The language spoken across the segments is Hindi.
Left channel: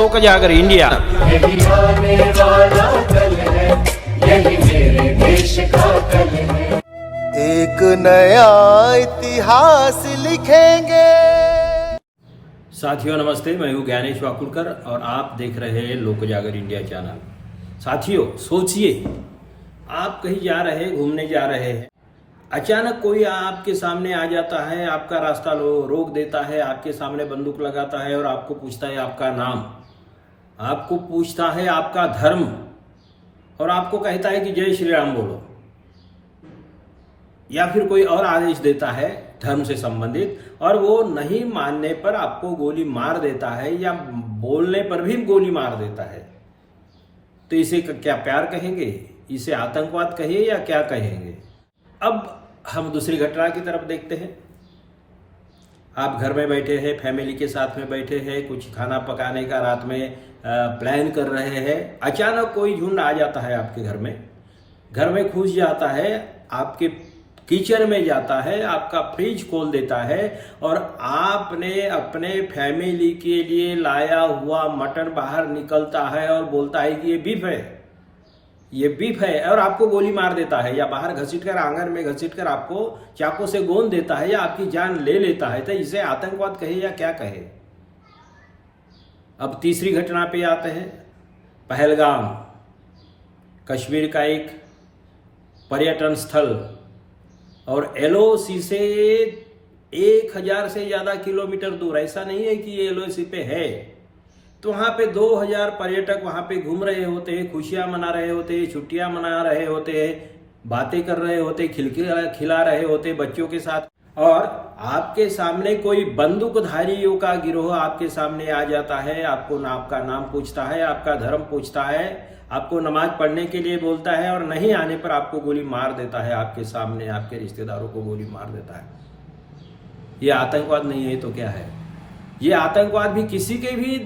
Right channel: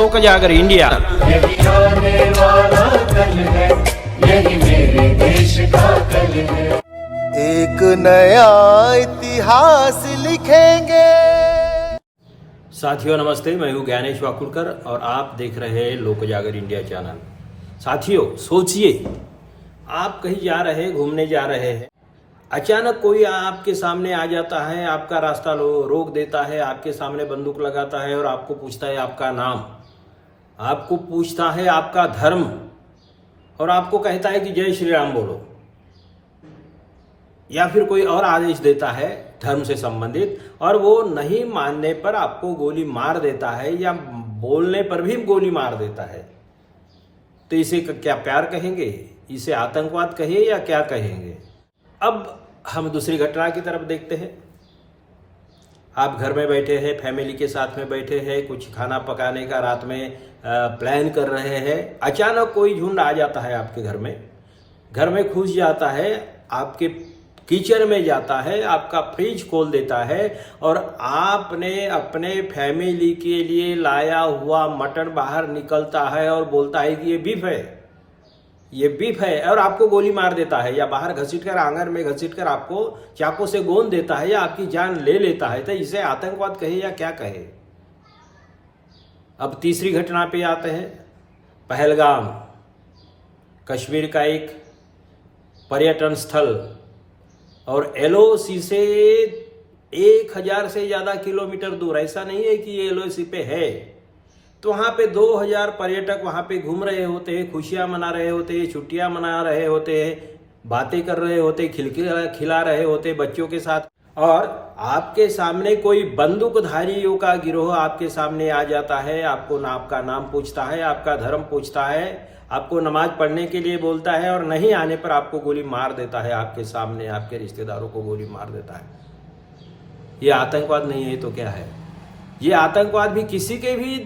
लोक जागर इंडिया। यही आने वाला कल है, यही मेरे देश का कल है। एक नया इतिहास लिखेंगे। साथियों नमस्ते, मैं हूँ ज्ञानेश वाकुड़कर और आप देख रहे हैं लोक जागर इंडिया चैनल। साथियों सोचिए, आप कहीं जा रहे हैं, घूमने जा रहे हैं, अचानक कोई आपके सामने आ जाता है, आपका रास्ता रोक देता है, आपके सामने बंदूक लगाता है और आपको पूछता है आपका नाम, आपको पूछता है आपका धर्म और आपको कहता है कि जय श्री राम बोलो, या फिर कोई और आदेश देता है धर्म से संबंधित और वो नहीं मानने पर आपको गोली मार देता है या बोलने पर भी गोली मार देता है, तो इसे क्या प्यार कहेंगे, इसे आतंकवाद कहिए या क्या कहेंगे। अब हम दूसरी घटना की तरफ देखते हैं। आप घर में बैठे हैं, फैमिली के साथ में बैठे हैं, कुछ खाना पकाने का रात में प्लान कर रहे हैं, अचानक कोई झुंड आ जाता है आपके घर में घुस जाता है, आपके किचन में जाता है, आपका फ्रिज खोल देता है और आपने अपने फैमिली के लिए लाया हुआ मटन बाहर निकलता है और बोलता है कि ये बीफ है और आपको गोली मार देता है या बाहर घसीटकर आंगन में घसीटकर आपको चाकू से गोंद देता है या आपकी जान ले लेता है, तो इसे आतंकवाद कहे या क्या कहे। अब तीसरी घटना पे आते हैं। पहलगाम कश्मीर का एक पर्यटन स्थल और एलओसी से 1000 से ज्यादा किलोमीटर दूर, ऐसा नहीं है कि ये एलओसी पे है, तो वहां पे 2000 पर्यटक वहां पे घूम रहे होते हैं, खुशियां मना रहे होते हैं, छुट्टियां मना रहे होते हैं, बातें कर रहे होते, खिला रहे होते बच्चों के साथ, और आपके सामने कोई बंदूकधारियों का गिरोह आपके सामने आ जाता है, आपको आपका नाम पूछता है, आपका धर्म पूछता है, आपको नमाज पढ़ने के लिए बोलता है और नहीं आने पर आपको गोली मार देता है, आपके सामने आपके रिश्तेदारों को गोली मार देता है। ये आतंकवाद नहीं है तो क्या है। ये आतंकवाद भी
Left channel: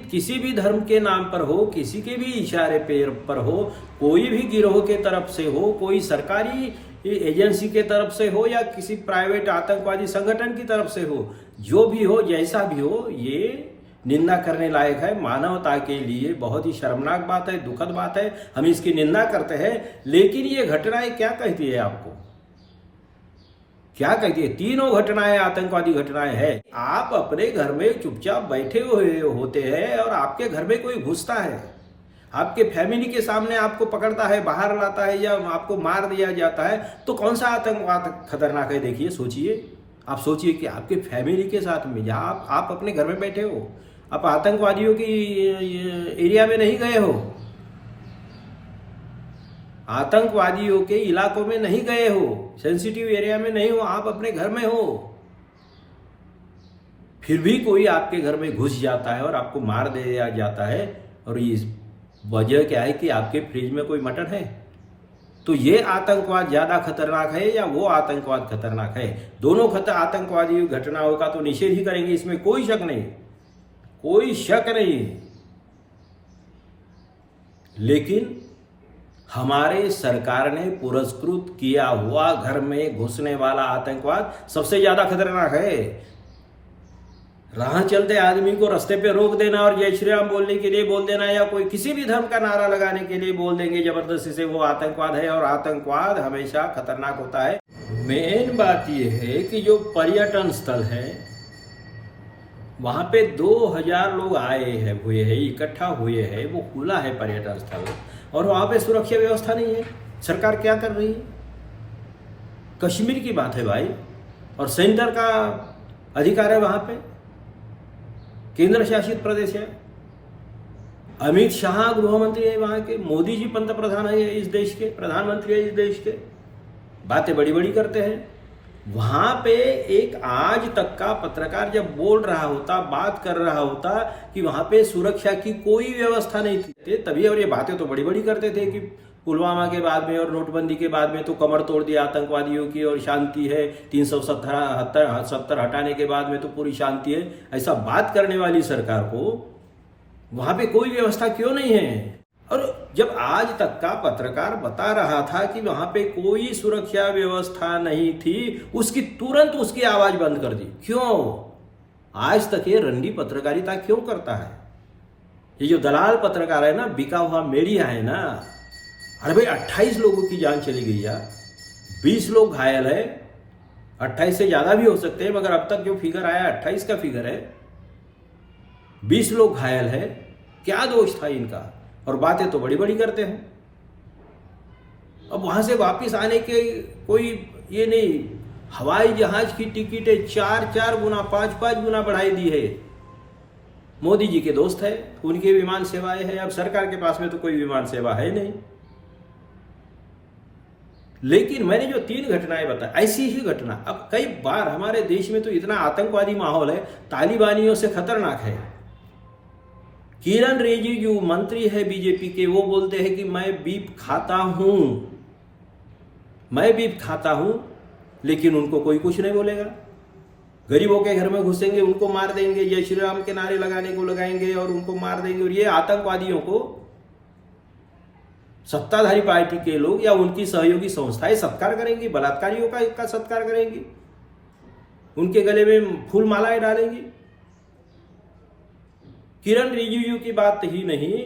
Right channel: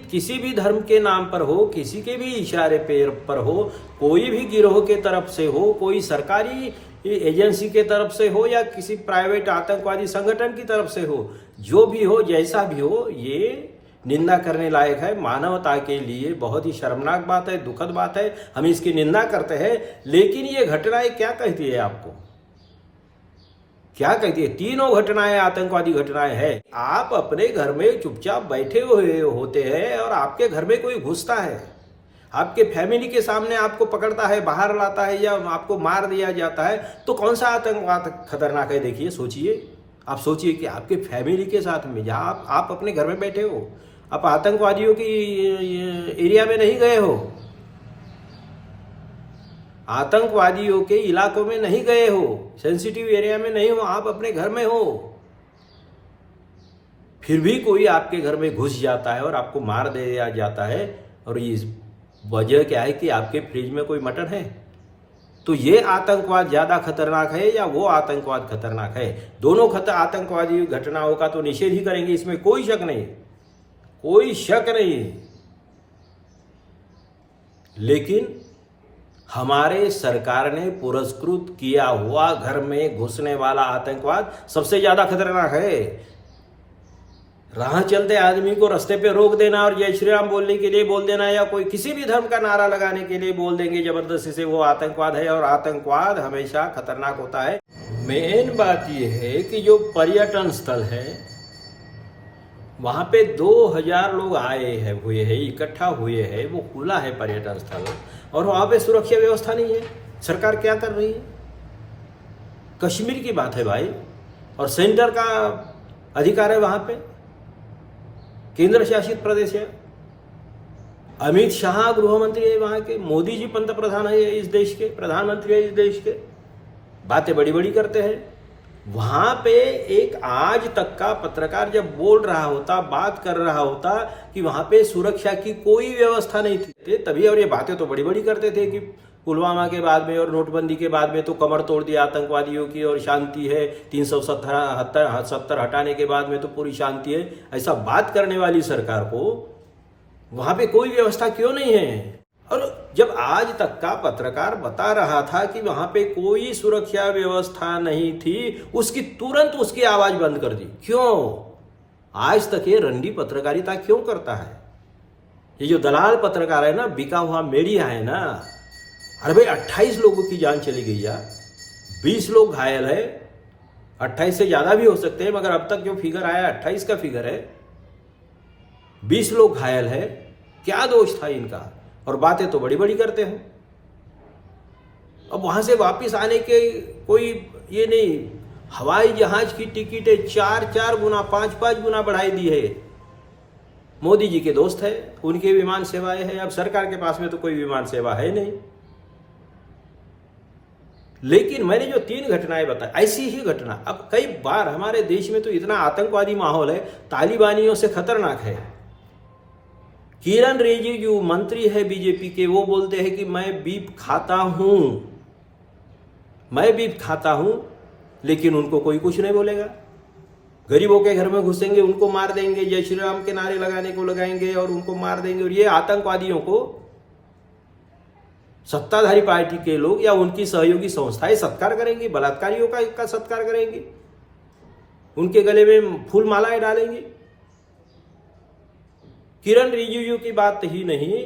किसी भी धर्म के नाम पर हो, किसी के भी इशारे पर हो, कोई भी गिरोह के तरफ से हो, कोई सरकारी एजेंसी के तरफ से हो या किसी प्राइवेट आतंकवादी संगठन की तरफ से हो, जो भी हो, जैसा भी हो, ये निंदा करने लायक है। मानवता के लिए बहुत ही शर्मनाक बात है, दुखद बात है, हम इसकी निंदा करते हैं। लेकिन ये घटनाएं क्या कहती है, आपको क्या कहती है? तीनों घटनाएं आतंकवादी घटनाएं हैं। आप अपने घर में चुपचाप बैठे हुए होते हैं और आपके घर में कोई घुसता है, आपके फैमिली के सामने आपको पकड़ता है, बाहर लाता है या आपको मार दिया जाता है, तो कौन सा आतंकवाद खतरनाक है। देखिए, सोचिए, आप सोचिए कि आपके फैमिली के साथ में जहाँ आप अपने घर में बैठे हो, आप आतंकवादियों की एरिया में नहीं गए हो, आतंकवादियों के इलाकों में नहीं गए हो, सेंसिटिव एरिया में नहीं हो, आप अपने घर में हो, फिर भी कोई आपके घर में घुस जाता है और आपको मार दिया जाता है। और ये वजह क्या है कि आपके फ्रिज में कोई मटन है। तो ये आतंकवाद ज्यादा खतरनाक है या वो आतंकवाद खतरनाक है? दोनों आतंकवादी घटनाओं का तो निषेध ही करेंगे, इसमें कोई शक नहीं, कोई शक नहीं। लेकिन हमारे सरकार ने पुरस्कृत किया हुआ घर में घुसने वाला आतंकवाद सबसे ज्यादा खतरनाक है। राह चलते आदमी को रास्ते पे रोक देना और जय श्री राम बोलने के लिए बोल देना या कोई किसी भी धर्म का नारा लगाने के लिए बोल देंगे जबरदस्ती से, वो आतंकवाद है। और आतंकवाद हमेशा खतरनाक होता है। मेन बात यह है कि जो पर्यटन स्थल है वहां पे 2000 लोग हुए हैं, इकट्ठा हुए हैं, वो खुला है पर्यटन स्थल और वहां पे सुरक्षा व्यवस्था नहीं है। सरकार क्या कर रही है? कश्मीर की बात है भाई, और सेंटर का अधिकार है वहां पे, केंद्र शासित प्रदेश है, अमित शाह गृह मंत्री है वहां के, मोदी जी पंतप्रधान है इस देश के, प्रधानमंत्री है इस देश के, बातें बड़ी बड़ी करते हैं। वहां पे एक आज तक का पत्रकार जब बोल रहा होता, बात कर रहा होता कि वहां पे सुरक्षा की कोई व्यवस्था नहीं थी तभी, और ये बातें तो बड़ी बड़ी करते थे कि पुलवामा के बाद में और नोटबंदी के बाद में तो कमर तोड़ दिया आतंकवादियों की और शांति है, 370 हटाने के बाद में तो पूरी शांति है। ऐसा बात करने वाली सरकार को वहां पे कोई व्यवस्था क्यों नहीं है? और जब आज तक का पत्रकार बता रहा था कि वहां पे कोई सुरक्षा व्यवस्था नहीं थी, उसकी तुरंत उसकी आवाज बंद कर दी। क्यों? आज तक ये रंडी पत्रकारिता क्यों करता है? ये जो दलाल पत्रकार है ना, बिका हुआ मीडिया है ना, अरे भाई 28 लोगों की जान चली गई यार, 20 लोग घायल है, 28 से ज्यादा भी हो सकते हैं, मगर अब तक जो फिगर आया 28 का फिगर है, 20 लोग घायल है। क्या दोष था इनका? और बातें तो बड़ी बड़ी करते हैं। अब वहां से वापस आने के कोई ये नहीं, हवाई जहाज की टिकटें 4-4 गुना 5-5 गुना बढ़ाई दी है। मोदी जी के दोस्त है, उनकी विमान सेवाएं हैं। अब सरकार के पास में तो कोई विमान सेवा है नहीं। लेकिन मैंने जो 3 घटनाएं बताई, ऐसी ही घटना अब कई बार हमारे देश में तो इतना आतंकवादी माहौल है, तालिबानियों से खतरनाक है। किरण रिजिजू मंत्री है बीजेपी के, वो बोलते हैं कि मैं बीफ खाता हूं, मैं बीफ खाता हूं, लेकिन उनको कोई कुछ नहीं बोलेगा। गरीबों के घर में घुसेंगे, उनको मार देंगे, जय श्री राम के नारे लगाने को लगाएंगे और उनको मार देंगे। और ये आतंकवादियों को सत्ताधारी पार्टी के लोग या उनकी सहयोगी संस्थाएं सत्कार करेंगी, बलात्कारियों का सत्कार करेंगी, उनके गले में फूल मालाएं डालेंगी। किरण रिजिजू की बात ही नहीं,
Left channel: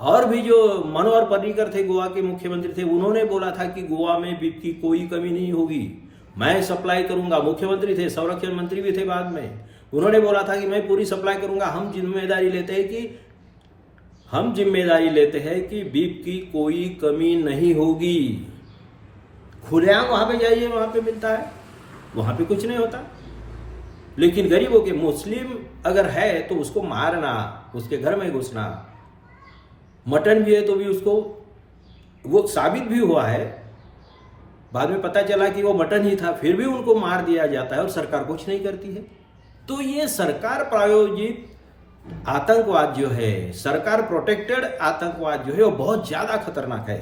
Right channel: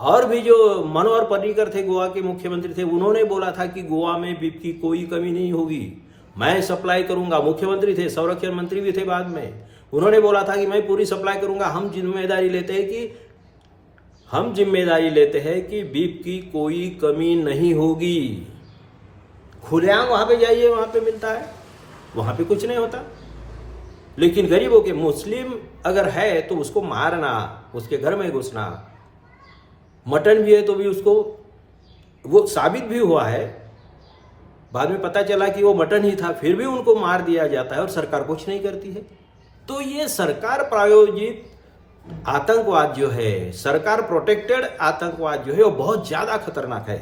और भी जो मनोहर पर्रिकर थे, गोवा के मुख्यमंत्री थे, उन्होंने बोला था कि गोवा में बीफ की कोई कमी नहीं होगी, मैं सप्लाई करूंगा। मुख्यमंत्री थे, संरक्षण मंत्री भी थे बाद में, उन्होंने बोला था कि मैं पूरी सप्लाई करूंगा। हम जिम्मेदारी लेते हैं कि बीफ की कोई कमी नहीं होगी। खुलेआम वहां पे जाइए, वहां पे मिलता है, वहां पे कुछ नहीं होता। लेकिन गरीबों के मुस्लिम अगर है तो उसको मारना, उसके घर में घुसना, मटन भी है तो भी उसको, वो साबित भी हुआ है, बाद में पता चला कि वो मटन ही था, फिर भी उनको मार दिया जाता है और सरकार कुछ नहीं करती है। तो ये सरकार प्रायोजित आतंकवाद जो है, सरकार प्रोटेक्टेड आतंकवाद जो है, वो बहुत ज्यादा खतरनाक है।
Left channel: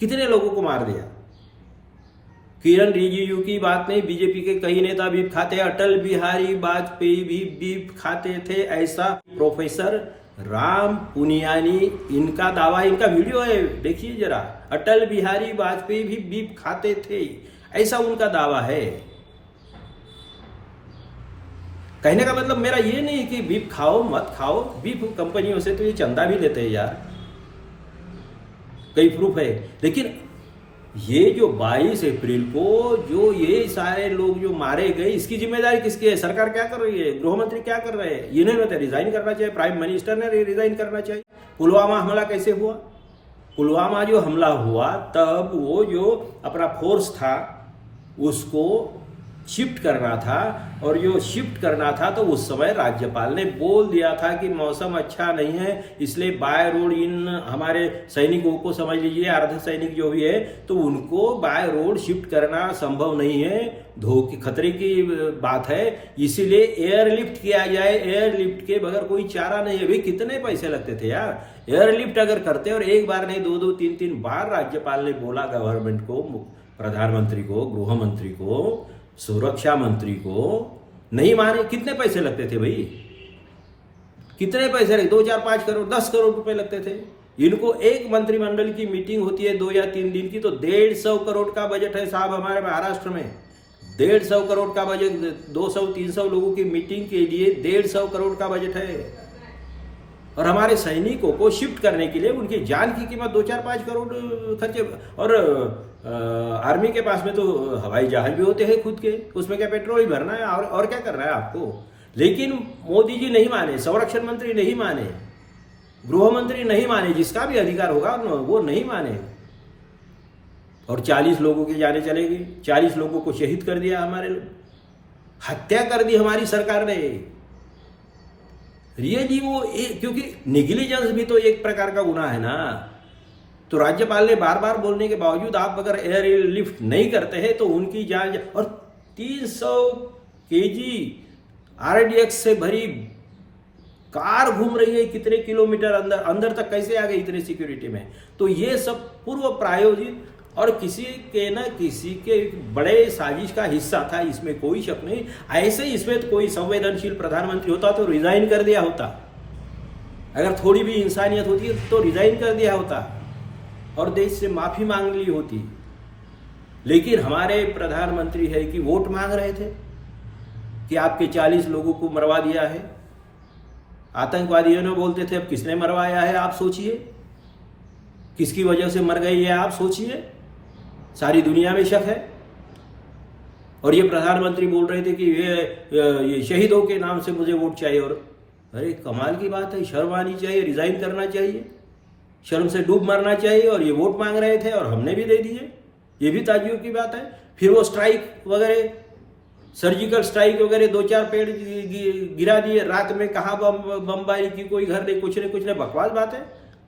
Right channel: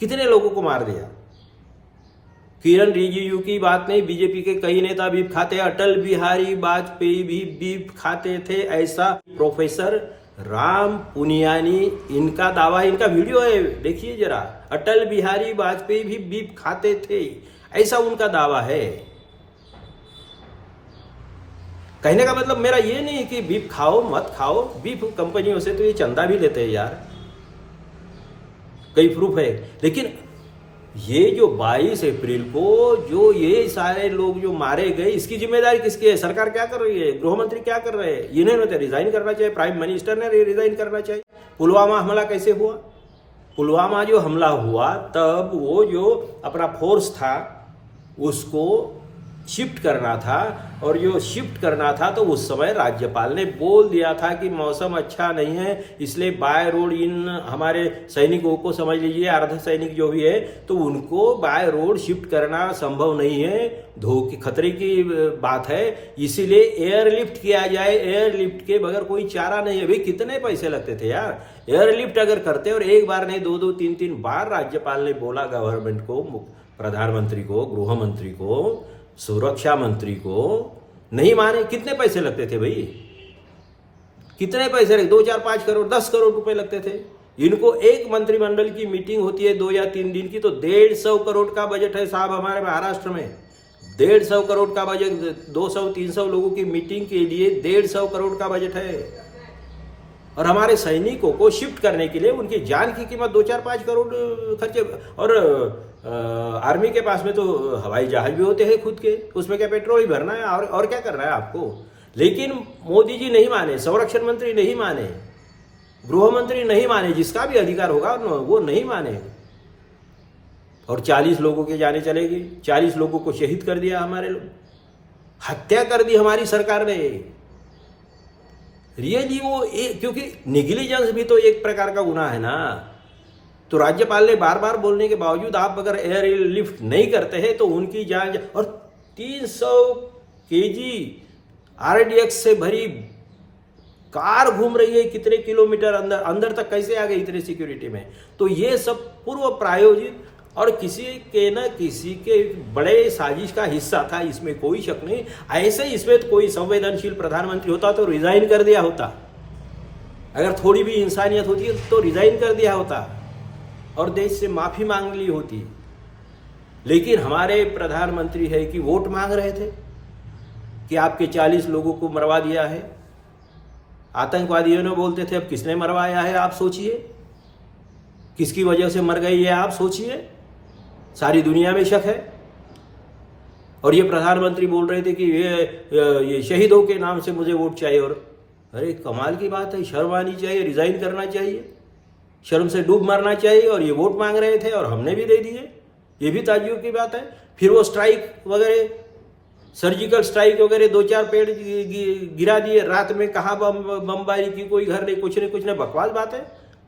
कितने लोगों को मार दिया। किरण रिजिजू की बात नहीं, बीजेपी के कई नेता बीफ खाते, अटल बिहारी वाजपेयी भी बीफ खाते थे, ऐसा प्रोफेसर राम पुनियानी, इनका दावा, इनका वीडियो है, देखिए जरा। अटल बिहारी वाजपेयी भी बीफ खाते थे, ऐसा उनका दावा है। कहने का मतलब मेरा ये नहीं कि बीफ खाओ मत खाओ, बीफ कंपनियों से तो ये चंदा भी लेते हैं यार, कई प्रूफ है। लेकिन ये जो 22 अप्रैल को जो ये सारे लोग जो मारे गए, इसकी जिम्मेदारी किसकी है? सरकार क्या कर रही है? गृह मंत्री क्या कर रहे हैं? इन्हें तो रिजाइन करना चाहिए, प्राइम मिनिस्टर ने रिजाइन करना चाहिए। पुलवामा हमला कैसे हुआ? पुलवामा जो हमला हुआ तब वो जो अपना फोर्स था उसको शिफ्ट करना था, और जो शिफ्ट करना था तो उस समय राज्यपाल ने बोल दिया था कि मौसम अच्छा नहीं है, इसलिए बाय रोड इन हमारे सैनिकों को, समझ लीजिए अर्ध सैनिक जो भी है, तो उनको बाय रोड शिफ्ट करना संभव नहीं है, धोखे खतरे की बात है, इसीलिए एयरलिफ्ट किया जाए। एयरलिफ्ट के बगैर कोई चारा नहीं है। भाई कितने पैसे लगते थे यार एयरलिफ्ट अगर करते, और एक बार नहीं 2-2 3-3 बार राज्यपाल ने बोला गवर्नमेंट को, प्रधानमंत्री को, गृह मंत्री को, सुरक्षा मंत्री को, नहीं माने। कितने पैसे लगते थे भाई? कितने पैसे? 2, 4, 5 करोड़ 10 करोड़ रुपए लगते थे। इनको एक मंत्रिमंडल की मीटिंग होती है 2 या 3 दिन की, तो 150 करोड़ का बजट है साहब हमारे महाराष्ट्र में। 150 करोड़ का बजट, 200-300 लोगों की मीटिंग के लिए 150 करोड़ का बजट है। और हमारे सैनिकों को शिफ्ट करने के लिए उनकी जान की कीमत 2, 4, 5 करोड़ खर्चे। और आर्मी के पास में तो हवाई जहाज भी होते हैं खुद के, उसमें क्या पेट्रोल ही भरना है और क्या करना है आपको? लेकिन मोदी जी नहीं माने, संरक्षण मंत्री नहीं माने, गृह मंत्री नहीं माने, जिसका भी अधिकार होगा वो नहीं माने। और 40 लोगों की जाने चलेगी, 40 लोगों को शहीद कर दिया हमारे लोग, हत्या कर दी हमारी सरकार ने। रियली वो क्योंकि निगलिजेंस भी तो एक प्रकार का गुनाह है ना। तो राज्यपाल ने बार बार बोलने के बावजूद आप अगर एयर लिफ्ट नहीं करते हैं तो उनकी जान, और 300 केजी RDX से भरी कार घूम रही है, कितने किलोमीटर अंदर तक कैसे आ गई इतनी सिक्योरिटी में? तो ये सब पूर्व प्रायोजित और किसी के न किसी के बड़े साजिश का हिस्सा था, इसमें कोई शक नहीं। ऐसे ही इसमें तो कोई संवेदनशील प्रधानमंत्री होता तो रिजाइन कर दिया होता, अगर थोड़ी भी इंसानियत होती तो रिजाइन कर दिया होता और देश से माफी मांग ली होती। लेकिन हमारे प्रधानमंत्री है कि वोट मांग रहे थे कि आपके 40 लोगों को मरवा दिया है, आतंकवादियों ने बोलते थे, अब किसने मरवाया है आप सोचिए, किसकी वजह से मर गई है आप सोचिए, सारी दुनिया में शक है। और ये प्रधानमंत्री बोल रहे थे कि ये शहीदों के नाम से मुझे वोट चाहिए। और अरे कमाल की बात है, शर्म आनी चाहिए, रिजाइन करना चाहिए, शर्म से डूब मरना चाहिए। और ये वोट मांग रहे थे और हमने भी दे दिए, ये भी ताज्जुब की बात है। फिर वो स्ट्राइक वगैरह, सर्जिकल स्ट्राइक वगैरह, 2-4 पेड़ गिरा दिए रात में, कहाँ बमबारी की, कोई घर नहीं, कुछ नहीं, बकवास बात है।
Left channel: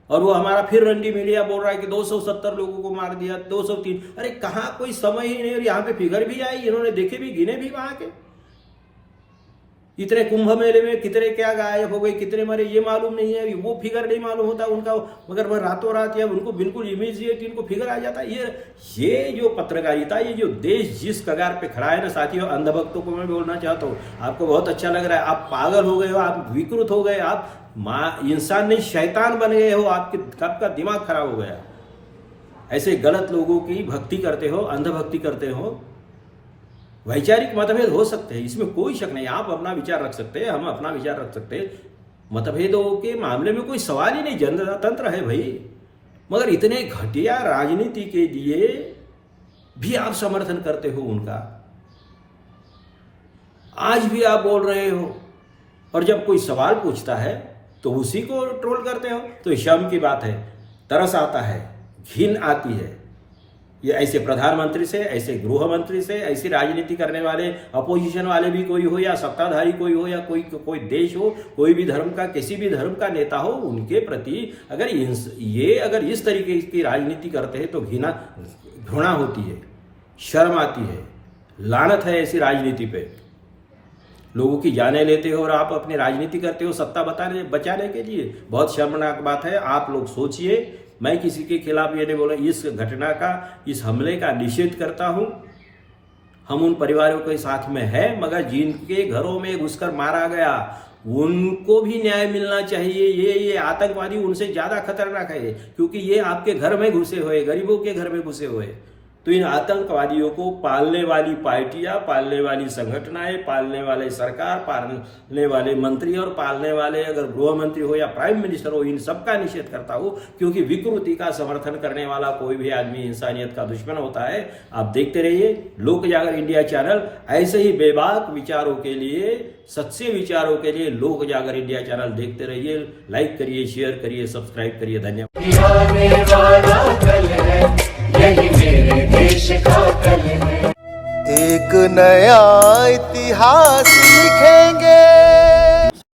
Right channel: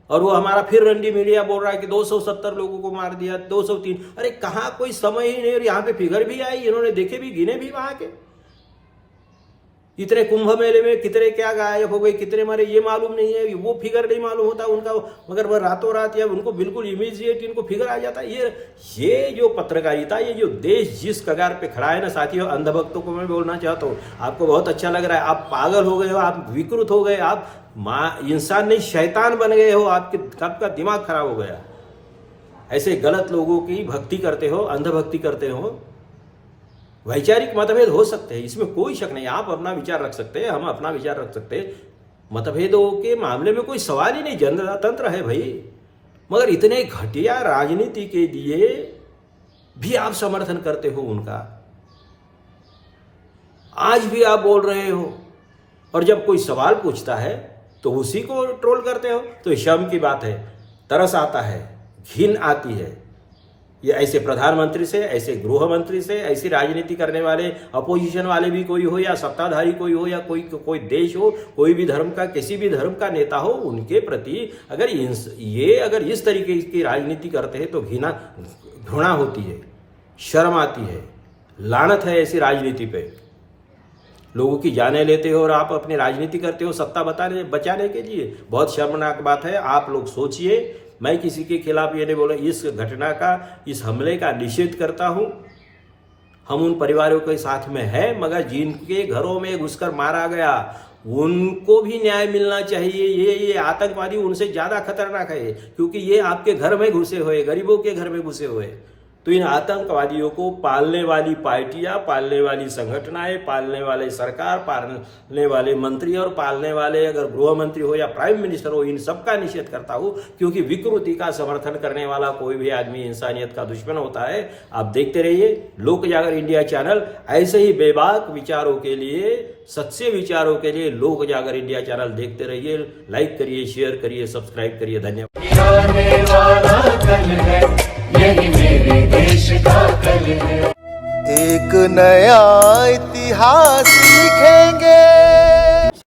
और वो हमारा फिर रंडी मीडिया बोल रहा है कि 270 लोगों को मार दिया, 203। अरे कहाँ कोई समय ही नहीं। और यहाँ पे फिगर भी आई, इन्होंने देखे भी, गिने भी वहां के, इतने कुंभ मेले में कितने क्या गायब हो गए, कितने मरे, ये मालूम नहीं है, वो फिगर नहीं मालूम होता उनका। मगर वह रातों रात या उनको बिल्कुल इमीडिएट इनको फिगर आ जाता है। ये जो पत्रकारिता, ये जो देश जिस कगार पे खड़ा है ना साथियों, अंधभक्तों को मैं बोलना चाहता हूँ, आपको बहुत अच्छा लग रहा है, आप पागल हो गए हो, आप विकृत हो गए, आप इंसान नहीं शैतान बन गए हो, आपका दिमाग खराब हो गया। ऐसे गलत लोगों की भक्ति करते हो, अंधभक्ति करते हो। वैचारिक मतभेद हो सकते हैं, इसमें कोई शक नहीं, आप अपना विचार रख सकते हैं, हम अपना विचार रख सकते हैं, मतभेदों के मामले में कोई सवाल ही नहीं, जनतंत्र है भाई। मगर इतने घटिया राजनीति के लिए भी आप समर्थन करते हो उनका, आज भी आप बोल रहे हो। और जब कोई सवाल पूछता है तो उसी को ट्रोल करते हो, तो शर्म की बात है, तरस आता है, घिन आती है। ये ऐसे प्रधानमंत्री से, ऐसे गृह मंत्री से, ऐसी राजनीति करने वाले अपोजिशन वाले भी कोई हो, या सत्ताधारी कोई हो, या कोई देश हो, कोई भी धर्म का, किसी भी धर्म का नेता हो, उनके प्रति अगर इस तरीके की राजनीति करते हैं तो घृणा होती है, शर्म आती है, लानत है ऐसी राजनीति पे। लोगों की जाने लेते हो और आप अपनी राजनीति करते हो सत्ता बचाने के लिए, बहुत शर्मनाक बात है। आप लोग सोचिए। मैं किसी के खिलाफ ये नहीं बोला, इस घटना का, इस हमले का निषेध करता हूं। हम उन परिवारों के साथ में है, मगर जिनके घरों में घुसकर मारा गया उनको भी न्याय मिलना चाहिए। ये आतंकवादी उनसे ज्यादा खतरनाक है, क्योंकि ये आपके घर में घुसे हुए, गरीबों के घर में घुसे हुए। तो इन आतंकवादियों को पालने वाली पार्टियां, पालने वाली संगठनाएं, पालने वाले सरकार, पालने वाले मंत्री और पालने वाले अगर गृह मंत्री हो या प्राइम मिनिस्टर हो, इन सबका निषेध करता हूं। क्योंकि विकृति का समर्थन करने वाला कोई भी आदमी इंसानियत का दुश्मन होता है। आप देखते रहिए लोक जागर इंडिया चैनल, ऐसे ही बेबाक विचारों के लिए, सच्चे विचारों के लिए लोक जागर इंडिया चैनल देखते रहिए। लाइक करिए, शेयर करिए, सब्सक्राइब करिए। धन्यवाद। आने वाला कल है, यही मेरे देश का कल है। एक नया इतिहास लिखेंगे।